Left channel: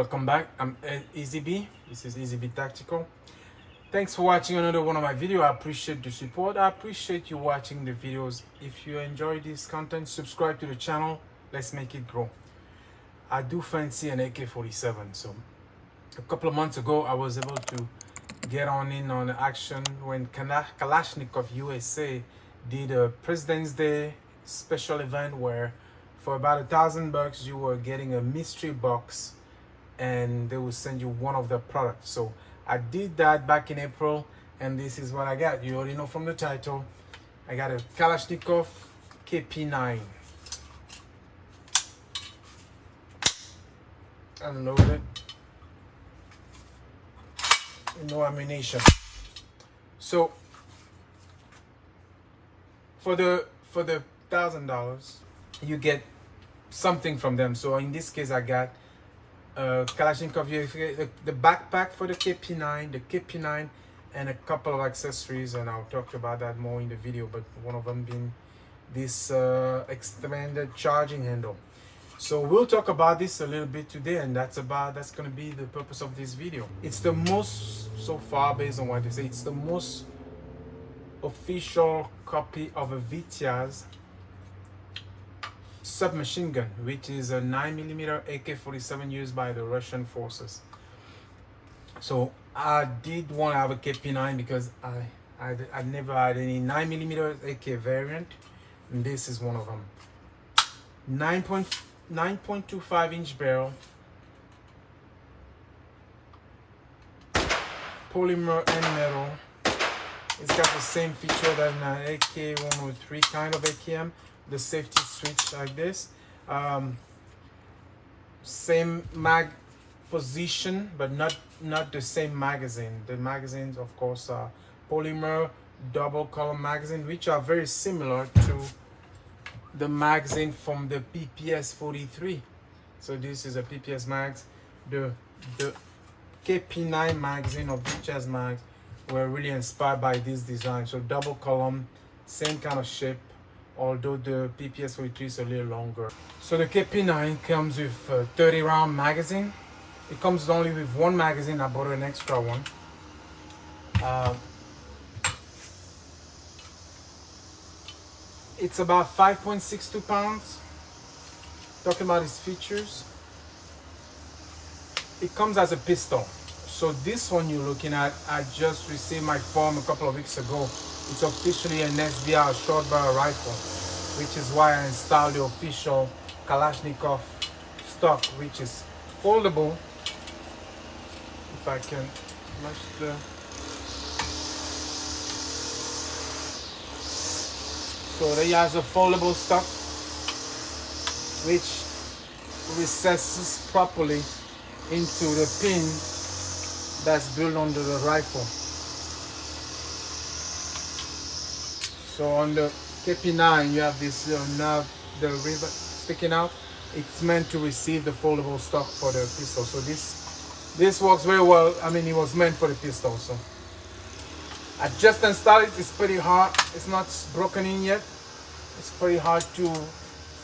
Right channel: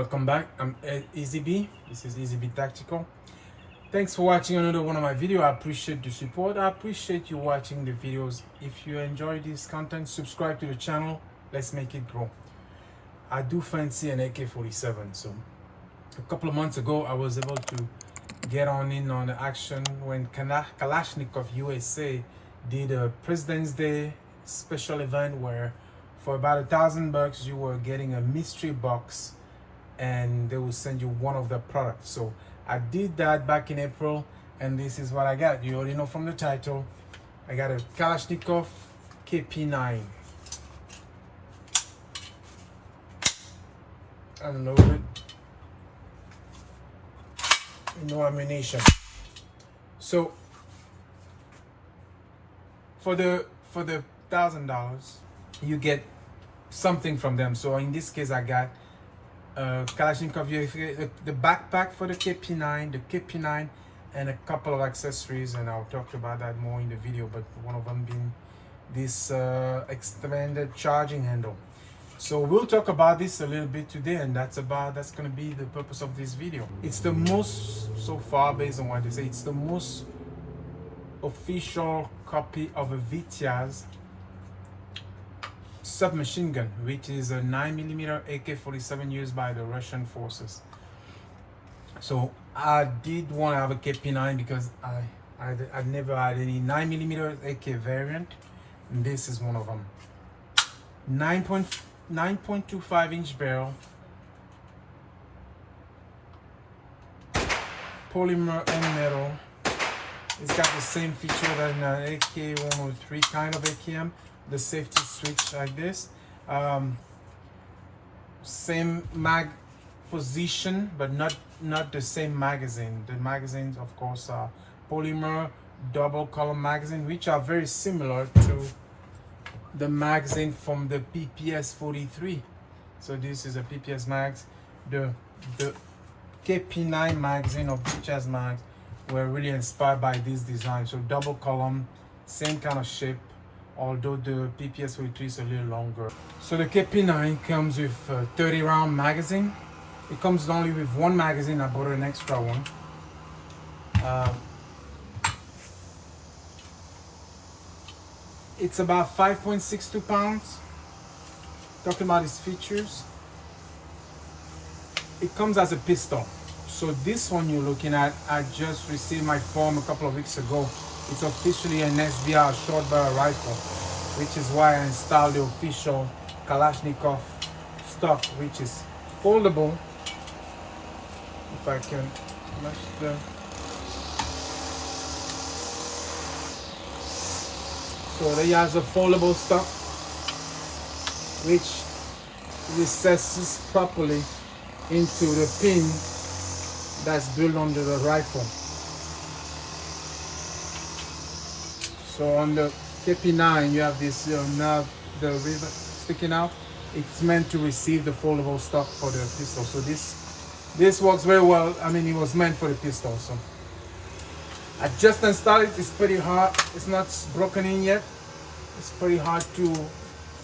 welcome back. I'm EasyB. This is EasyB Tactical. Thanks for watching another one of my videos. I appreciate the support. I appreciate you watching the videos. If you enjoy this content, subscribe to the channel. Let's make it grow. I do fancy an AK-47. So a couple of months ago, I was able to get on the action when Kalashnikov USA did a President's Day special event where for about $1,000 you were getting a mystery box and they will send you one of the products. So I did that back in April and this is what I got. You already know from the title. I got a Kalashnikov KP9 unloaded, no ammunition. So for the $1,000 you get something from them. So in this case I got Kalashnikov USA, the backpack for the KP9, and a couple of accessories, and I'll talk about that more in the video, but one of them being this extended charging handle. So we'll talk about this a little bit today, and that's going to be the purpose of this video. It's the most, so far based on what they say, it's the most official copy of a Vitiaz submachine gun, which is a 9mm AK-47 used by the Russian forces. So I did want to have a KP9 because I never had any 9mm AK variant, and this is one of them. 9.25 inch barrel, polymer and metal. It's got the same feature that an AK-103 kind of AKM, the safety switch like this. Same mag position, but not the same magazine. The magazines, of course, are polymer double column magazine, which are very similar to the magazine from the PPS 43. So this is a PPS mags. The KP9 magazine of Vitiaz mags were really inspired by this design. So double column, same kind of shape, although the PPS 43 is a little longer. So the KP9 comes with a 30 round magazine. It comes only with one magazine. I bought an extra one. It's about 5.62 pounds. Talking about its features, it comes as a pistol. So this one you're looking at, I just received my form a couple of weeks ago. It's officially an SBR short barrel rifle, which is why I installed the official Kalashnikov stock, which is foldable. If I can match the... So they has a foldable stock, which recesses properly into the pin that's built under the rifle. So on the KP9 you have this nerve, the rivet sticking out. It's meant to receive the foldable stock for the pistol. So this works very well. I mean, it was meant for the pistol. So I just installed it. It's pretty hard. It's not broken in yet. It's pretty hard to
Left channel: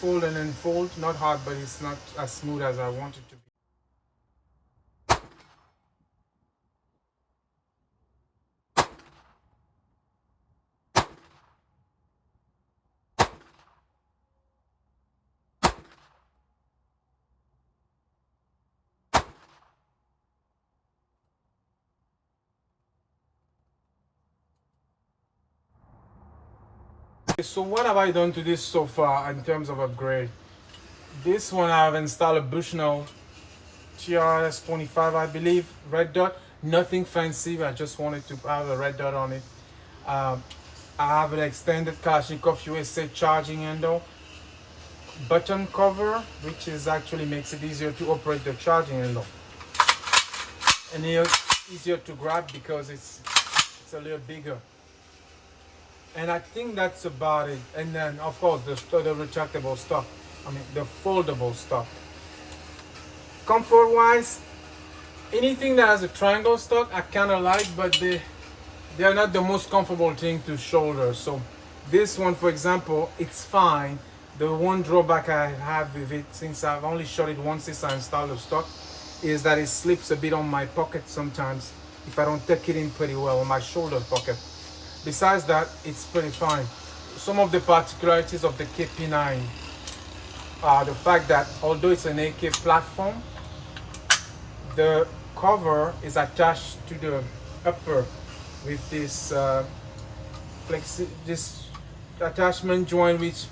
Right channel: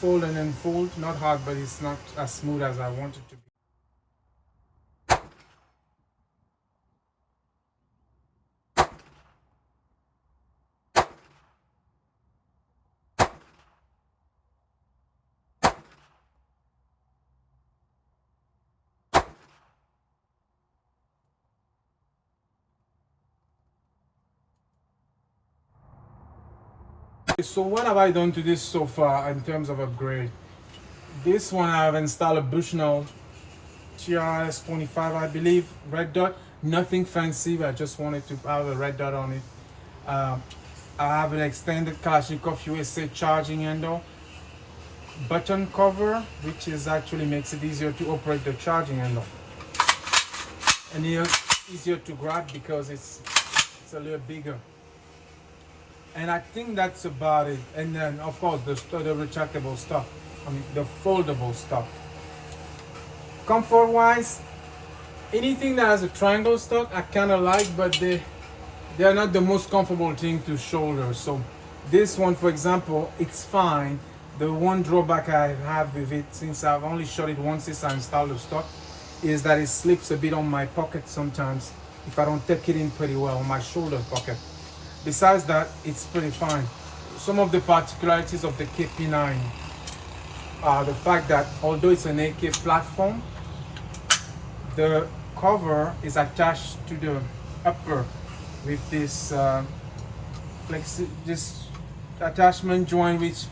fold and unfold. Not hard, but it's not as smooth as I want it to be. So what have I done to this so far in terms of upgrade? This one I've installed a Bushnell TRS 25, I believe, red dot. Nothing fancy, but I just wanted to have a red dot on it. I have an extended Kalashnikov USA charging handle, button cover, which is actually makes it easier to operate the charging handle, and easier to grab because it's a little bigger. And I think that's about it. And then of course the retractable stock, I mean the foldable stock. Comfort wise, anything that has a triangle stock I kind of like, but they are not the most comfortable thing to shoulder. So this one, for example, it's fine. The one drawback I have with it, since I've only shot it once since I installed the stock, is that it slips a bit on my pocket sometimes if I don't tuck it in pretty well on my shoulder pocket. Besides that, it's pretty fine. Some of the particularities of the KP9 are the fact that although it's an AK platform, the cover is attached to the upper with this this attachment joint which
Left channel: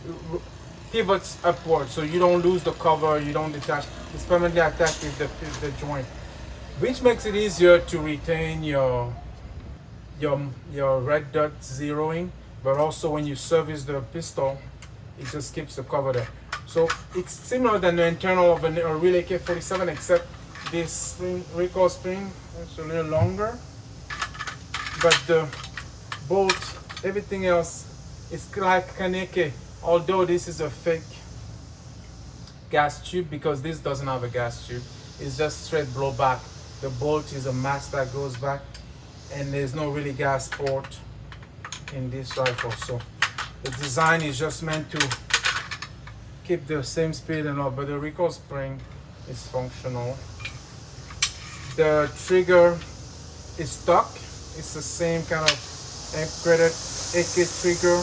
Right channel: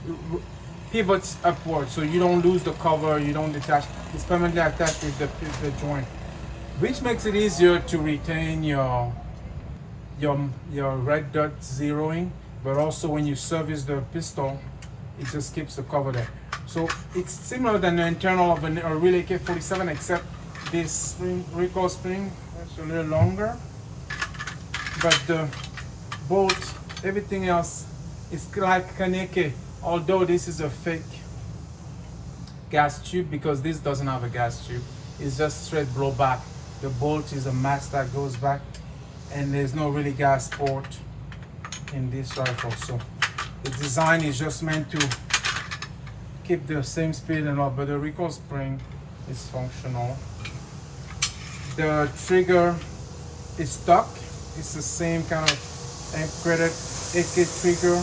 pivots upward, so you don't lose the cover, you don't detach. It's permanently attached with the joint, which makes it easier to retain your red dot zeroing, but also when you service the pistol, it just keeps the cover there. So it's similar than the internal of a real AK-47, except this spring, recoil spring, it's a little longer, but the bolt, everything else is like an AK, although this is a fake gas tube because this doesn't have a gas tube. It's just straight blowback. The bolt is a mask that goes back, and there's no really gas port in this rifle. So the design is just meant to keep the same speed and all, but the recoil spring is functional. The trigger is stock. It's the same kind of encrypted AK trigger.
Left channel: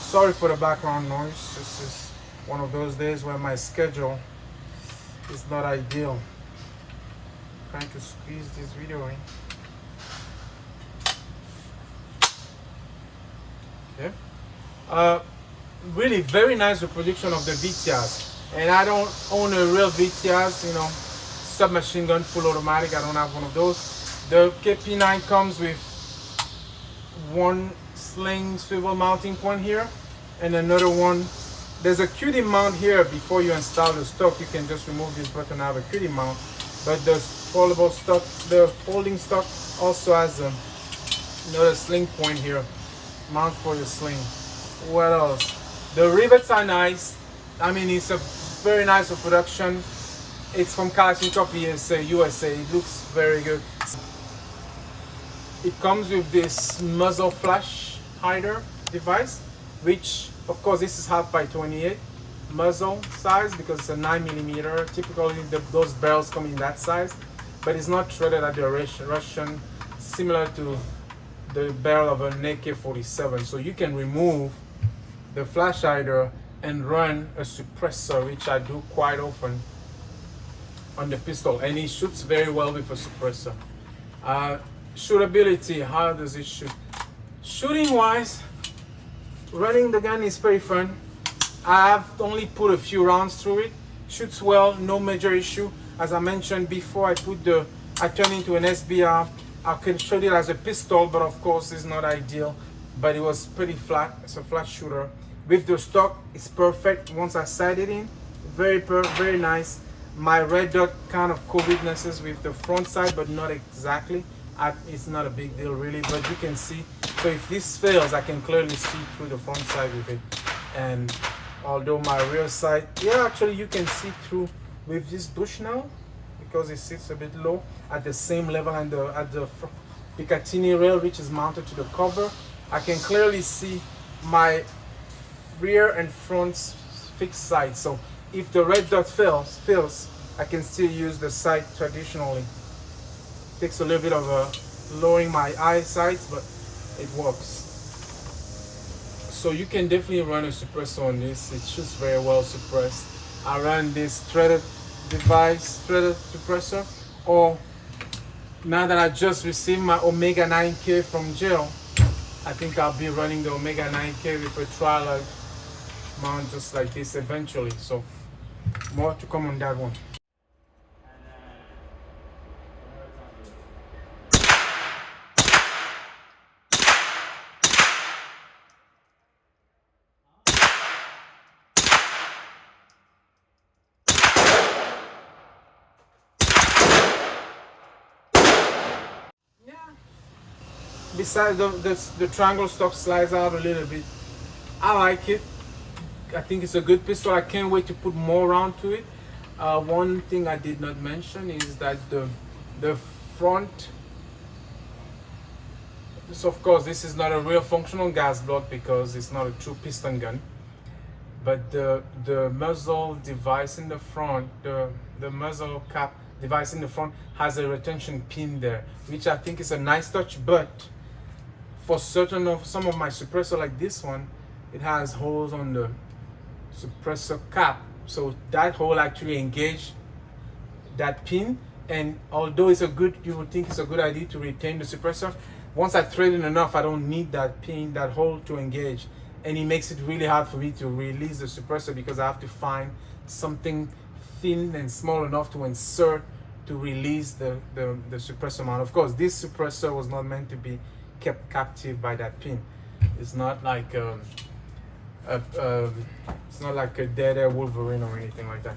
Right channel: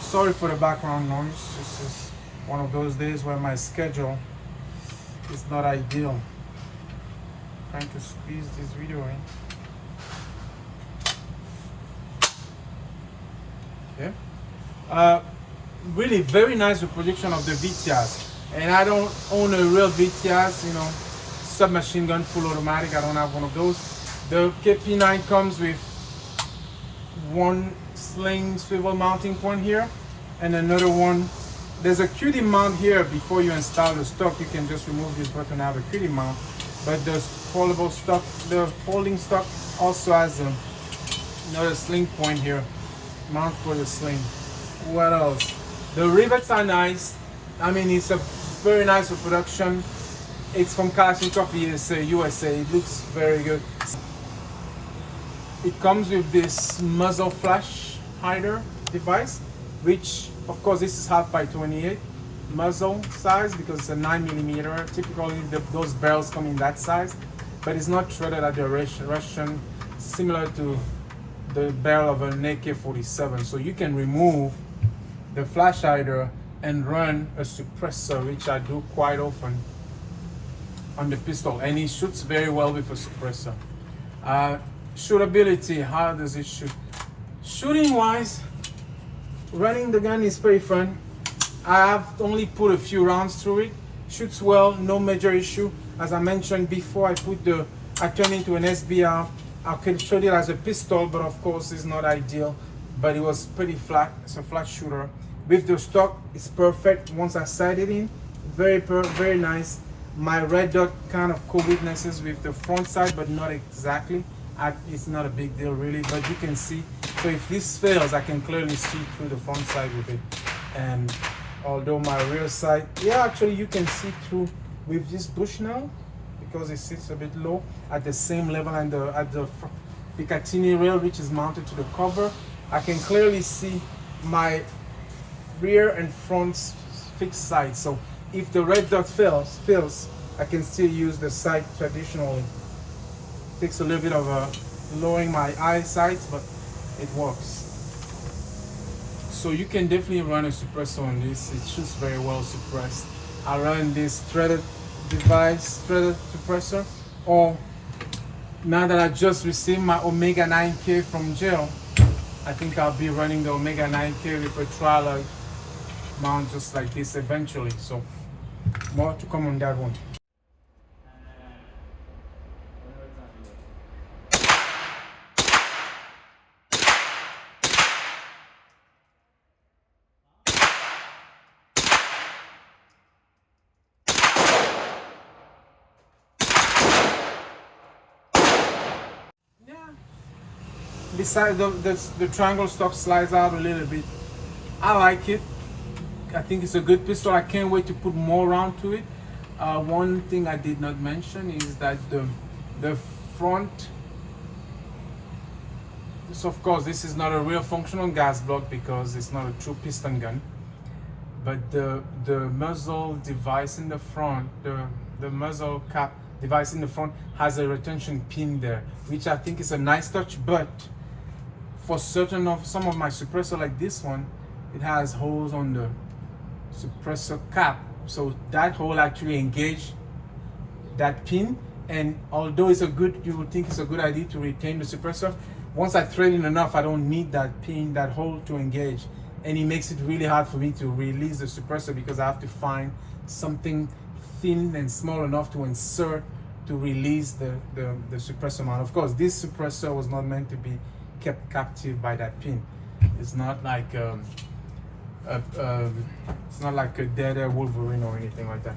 Sorry for the background noise. This is one of those days where my schedule is not ideal. Trying to squeeze this video in. Okay. Really very nice reproduction of the VTIAs. And I don't own a real VTIAs, you know, submachine gun full automatic. I don't have one of those. The KP9 comes with one sling swivel mounting point here and another one. There's a QD mount here. Before you install the stock, you can just remove this button and have a QD mount, but the foldable stock, the folding stock also has another sling point here, mount for the sling. What else? The rivets are nice. I mean, it's a very nice reproduction. It's from Kalashnikov USA. It looks very good. It comes with this muzzle flash hider device, which of course this is 1/28 muzzle size because it's a 9mm. Typically those barrels come in that size, but it's not threaded at the Russian, similar to the barrel of an AK-47. So you can remove the flash hider and run a suppressor, which I do quite often on the pistol, and it shoots very well with a suppressor. Shootability, how does it shoot? Shooting wise, running the gun is pretty fun. I have only put a few rounds through it. Shoots well, no major issue. As I mentioned before, I turned into an SBR. I could shoot it as a pistol, but of course it's not ideal, but it was pretty flat. It's a flat shooter. With the stock, it's perfect. Once I sighted in, very nice. My red dot kind of co-weaknesses with the front side, but not exactly. It's not a big deal really, but you can see. So if this fails, I can clearly see through the front side with it. And although my rear side, yeah, actually you can see through with this bush now, because it sits a bit low at the same level and at the Picatinny rail, which is mounted to the cover. I can clearly see my rear and front fixed side. So if the red dot fails, I can still use the sight traditionally. Takes a little bit of lowering my eyesight, but it works. So you can definitely run a suppressor on this. It shoots very well suppressed. I run this threaded device, threaded suppressor, or now that I just received my Omega 9K from jail, I think I'll be running the Omega 9K with a trial mount just like this eventually. So more to come on that one. Besides the triangle stock slides out a little bit. I like it. I think it's a good pistol. I can't wait to put more round to it. One thing I did not mention is that the front, so of course this is not a real functional gas block because it's not a true piston gun, but the muzzle device in the front, the muzzle cap device in the front has a retention pin there, which I think is a nice touch. But for certain of some of my suppressor like this one, it has holes on the suppressor cap, so that hole actually engage that pin. And although it's a good, you would think it's a good idea to retain the suppressor, once I thread it enough, I don't need that pin, that hole to engage, and it makes it really hard for me to release the suppressor because I have to find something thin and small enough to insert to release the suppressor mount. Of course, this suppressor was not meant to be kept captive by that pin. It's not like it's not like a dead air Wolverine or anything like that.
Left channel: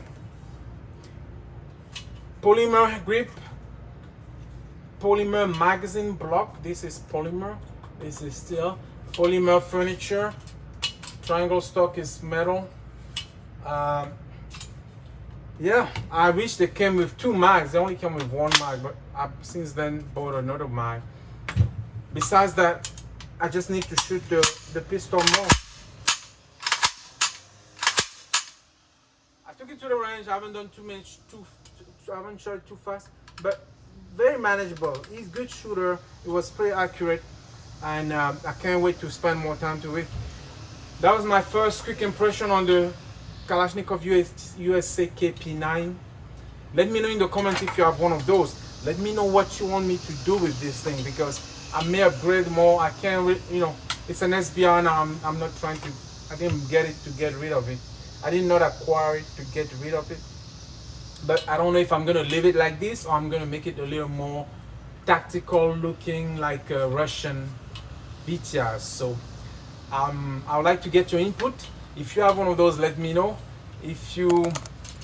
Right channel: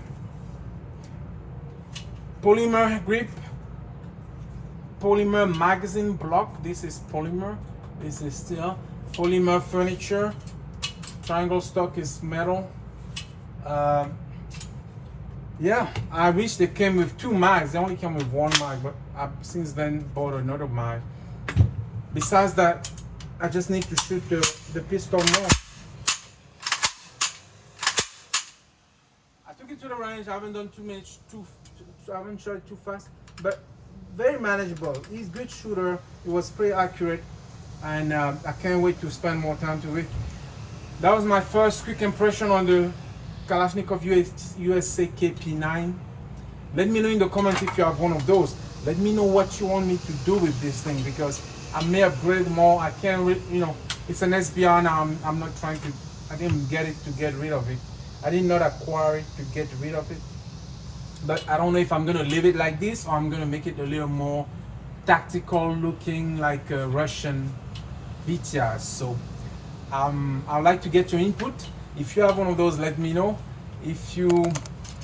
Polymer grip, polymer magazine block. This is polymer. This is steel. Polymer furniture. Triangle stock is metal. Yeah, I wish they came with 2 mags. They only came with 1 mag, but I've since then bought another mag. Besides that, I just need to shoot the pistol more. I took it to the range. I haven't done too much. I haven't shot it too fast, but very manageable. He's a good shooter. It was pretty accurate, and I can't wait to spend more time to it. That was my first quick impression on the Kalashnikov USA KP9. Let me know in the comments if you have one of those. Let me know what you want me to do with this thing, because I may upgrade more. I can't, it's an SBR now. I'm not trying to. I didn't get it to get rid of it. I did not acquire it to get rid of it. But I don't know if I'm gonna leave it like this or I'm gonna make it a little more tactical looking, like a Russian VTR. So I would like to get your input. If you have one of those, let me know. If you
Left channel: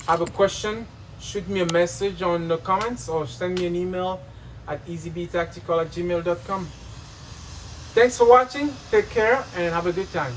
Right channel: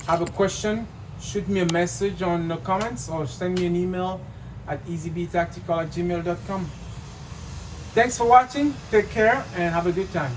have a question, shoot me a message on the comments or send me an email at easybtactical@gmail.com. Thanks for watching. Take care and have a good time.